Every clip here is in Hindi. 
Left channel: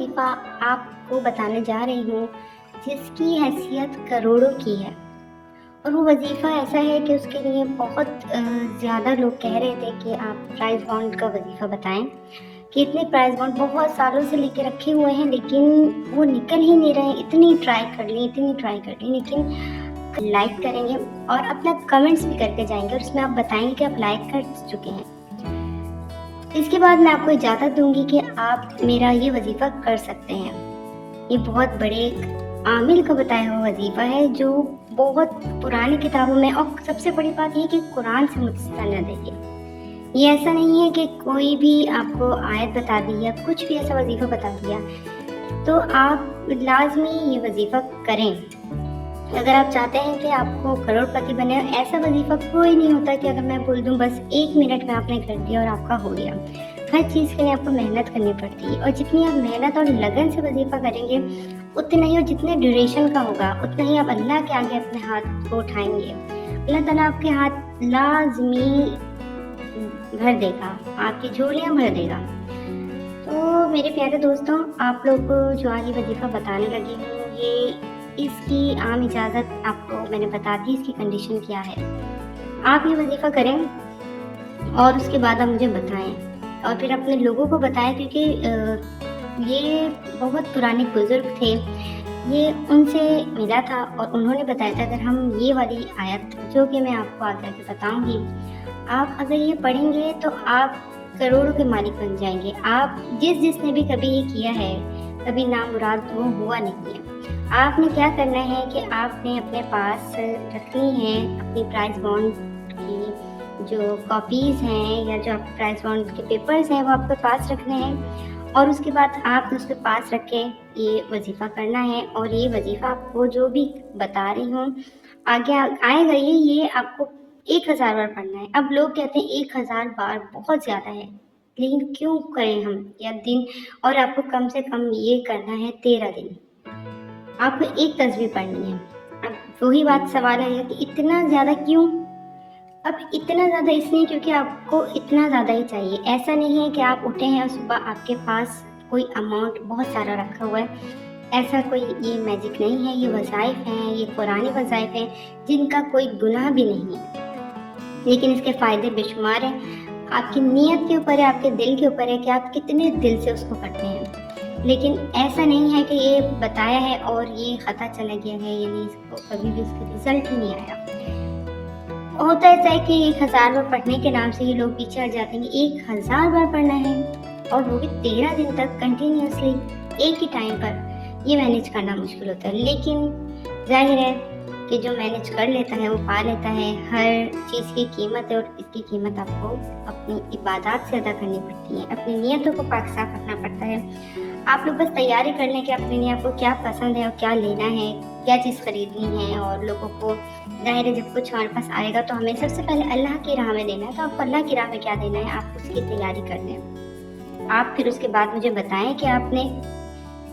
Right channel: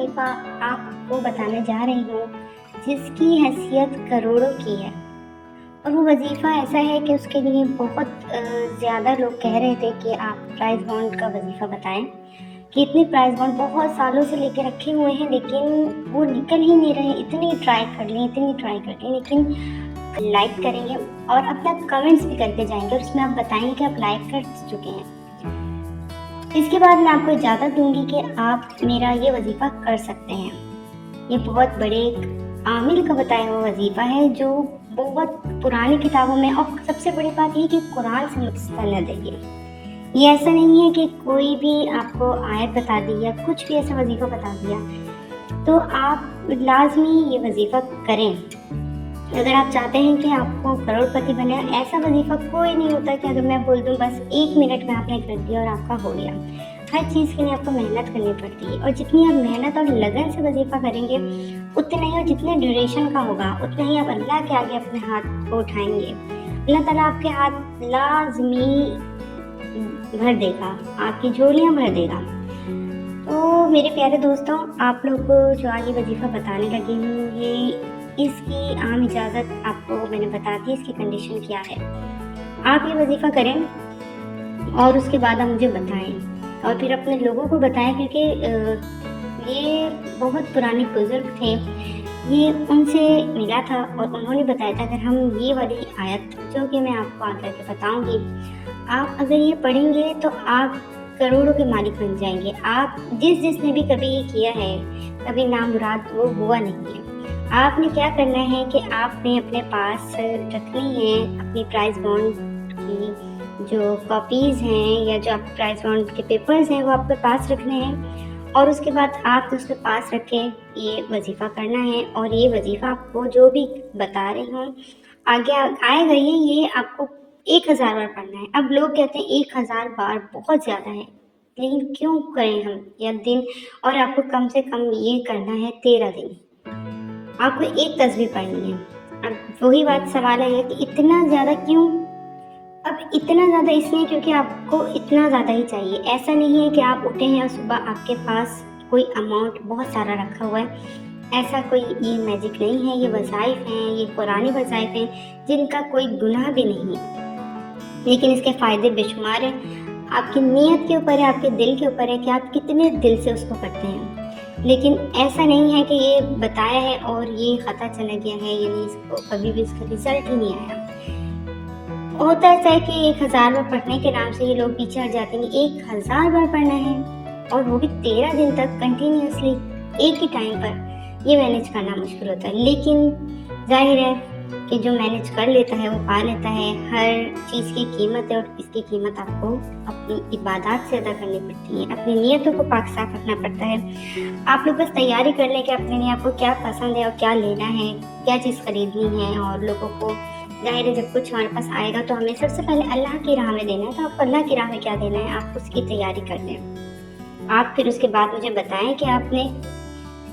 वजीफ़ा आपको बताने जा रही हूँ जिसकी हैसियत करोड़ों की है। और वो वजीफ़ा ऐसा है कि उसके लिए बहुत ज़्यादा लोग कह रहे थे कि आप प्राइज़ बॉन्ड का वजीफ़ा बताएं कि इतने प्राइज़ बॉन्ड बहुत सालों से लेके रखे हुए हैं, लेकिन वो निकल ही नहीं रहे। इतनी ट्राई कर ली, लेकिन लाइक करेंगे और अपना कमेंट्स भी करके जाएंगे और उसमें आप बताएंगे कि आप लाइक कर चुके हैं। इसके बाद मैं आपको इजाज़त दूंगी कि आप मेरा ये वजीफ़ा कर सकते हैं। ये बहुत बड़े एक आमिल का बताया हुआ वजीफ़ा है जो बहुत पुरानी किताबों में, और सबसे बड़ी बात ये कि कुरान से मुस्तनद है। ये ऐसा नहीं है कि कोई भी आपको आयत बता दी या कुछ भी ऐसा वजीफ़ा बता दिया, तो आप लाजमी ये वजीफ़ा करें। अगर आप चाहते हैं कि आपको करोड़पति बने, ऐसा वजीफ़ा कोई नहीं होता कि अगर मैं बोल दूं बस 1 मिनट में आपने कर दिया और आपका हो गया। हर चीज़ के लिए आपको मेहनत करनी पड़ती है, और जितनी आप मेहनत और लगन से वजीफ़ा करेंगे उतना ही, और जितने ड्यूरेशन का होगा उतना ही आप अल्लाह के आगे अपने हाथ को उठाएंगे। अल्लाह ताला आपके हाथ लाजमी भर देगा, आपकी झोलियाँ भर देगा। तो मेरे प्यारे दोस्तों, आप लोग को जो आज ये वजीफ़ा बताने लगी हूँ, ये इसकी आम इजाज़त आपको मैंने बता दी। इसकी कंडीशन क्या है, आप ये वजीफ़ा करें और उसके बाद आप मुझे बताएं और फिर अपने लोगों को बताएं, क्योंकि ये बहुत पुराने बुजुर्ग थे, ये उनसे मिला था और उन्होंने बताया था अगर हम ये वाली आयत जो कि मैं आपको आगे बताऊंगी, आप अगर ये पढ़ेंगे तो आप करोड़ों के मालिक बन जाएंगे। आप जिसने भी कभी ये किया है, कभी नामुराद वो हुआ नहीं है। आपने क्या करना है कि आपने अपने पास रखनी है अपनी प्राइज़ बॉन्ड की जो कॉपीज़ हैं या जो आपके प्राइज़ बॉन्ड के पेपर्स हैं वो आपके पास रखने हैं, और उसके बाद आप उसके पास रख के ये वजीफ़ा करना है। और ये वजीफ़ा आपको जो भी बता रही हूँ आगे आएगा, ये आपको 1000 बार पढ़ना है। अब लोग कहते हैं 1000 बार बहुत ज़्यादा है, लेकिन क्यों करें हम या दिन, और आपको कम से कम ये करना है 13 दिन। आपको एक तस्वीर पढ़नी है। अब वही बात सवाल है कि इतना ज़्यादा क्यों? अब इतना ज़्यादा इसलिए क्योंकि आपको इतना ज़्यादा ही चाहिए। ऐसा नहीं है कि आप उठे हैं और सुबह आपके पास कोई अमाउंट बहुत सारा रखा हुआ है। ऐसा कोई ये मैजिक नहीं है। ये वज़ाइफ हैं, ये पुराने वज़ाइफ हैं जिनका कोई गुनाह भी नहीं है, लेकिन इसके फ़ायदे बेशुमार हैं। आपकी नीयत के ऊपर है, आपके दिल के ऊपर है कि आप कितने दिल से उसको पढ़ते हैं। लेकिन ऐसा नहीं है कि ये बताया है और ये पता चला गया है, यानी इसको कभी भी इसका रिजल्ट ही नहीं आया। होता ऐसा है कि 1000 बार पढ़ने के नाम से ये लोग पीछे हट जाते हैं। 1000 बार पढ़ना है और वो भी 13 दिन तक कंटिन्यूसली एक ही टाइम पर, ये मैनेज करना मुश्किल होता है। लेकिन जाहिर है कि जो मैनेज कर लेता है वो पा लेता है। हर चीज़ की कीमत है और इसकी कीमत आपको अपनी इबादत से अदा करनी पड़ती है। अपनी नीयतों को पाक साफ रखना पड़ता है। आप लोग बस तैयारी कर लें कि अपने लिए आपको क्या पसंद है और क्या लेना है, क्या चीज़ खरीदनी है। और लोगों को जाहिर है जब कुछ हमारे पास आएगा तो हमें सबसे पहले अल्लाह की राह में देना है। तो आपको अल्लाह की राह में क्या देना है, आप उसकी तैयारी कर लें। आप फिर उसके बाद मुझे बताएं कि आपने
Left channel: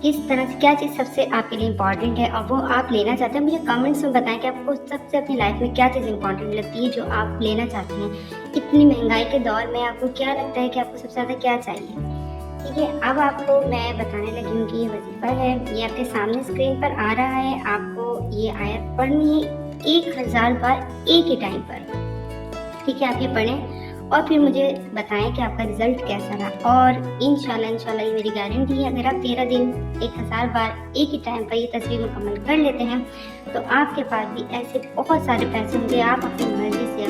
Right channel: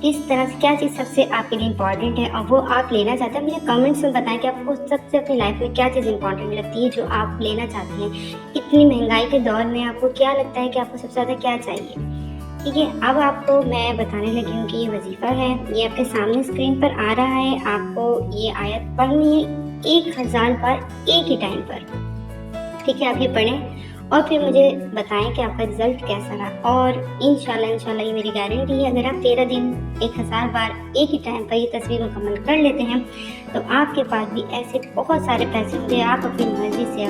किस तरह से, क्या चीज़ सबसे आपके लिए इम्पॉर्टेंट है और वो आप लेना चाहते हैं। मुझे कमेंट्स में बताएं कि आपको सबसे अपनी लाइफ में क्या चीज़ इम्पॉर्टेंट लगती है जो आप लेना चाहते हैं। इतनी महंगाई के दौर में आपको क्या लगता है कि आपको सबसे ज़्यादा क्या चाहिए? ठीक है, अब आपको मैं बताने लगी हूँ कि ये वजीफ़ा है, ये आपके सामने स्क्रीन पर आ रहा है। आपको ये आयत पढ़नी है 1000 बार एक ही टाइम पर। ठीक है, आप ये पढ़ें और फिर मुझे बताएं कि आपका रिजल्ट कैसा रहा। और इंशाल्लाह ये मेरी गारंटी है, अगर आप 13 दिन 1000 बार एक ही टाइम पर ये तस्वीर मुकम्मल कर लेते हैं तो आपके पास भी ऐसे बहुत सारे पैसे होंगे, आप अपनी मर्जी से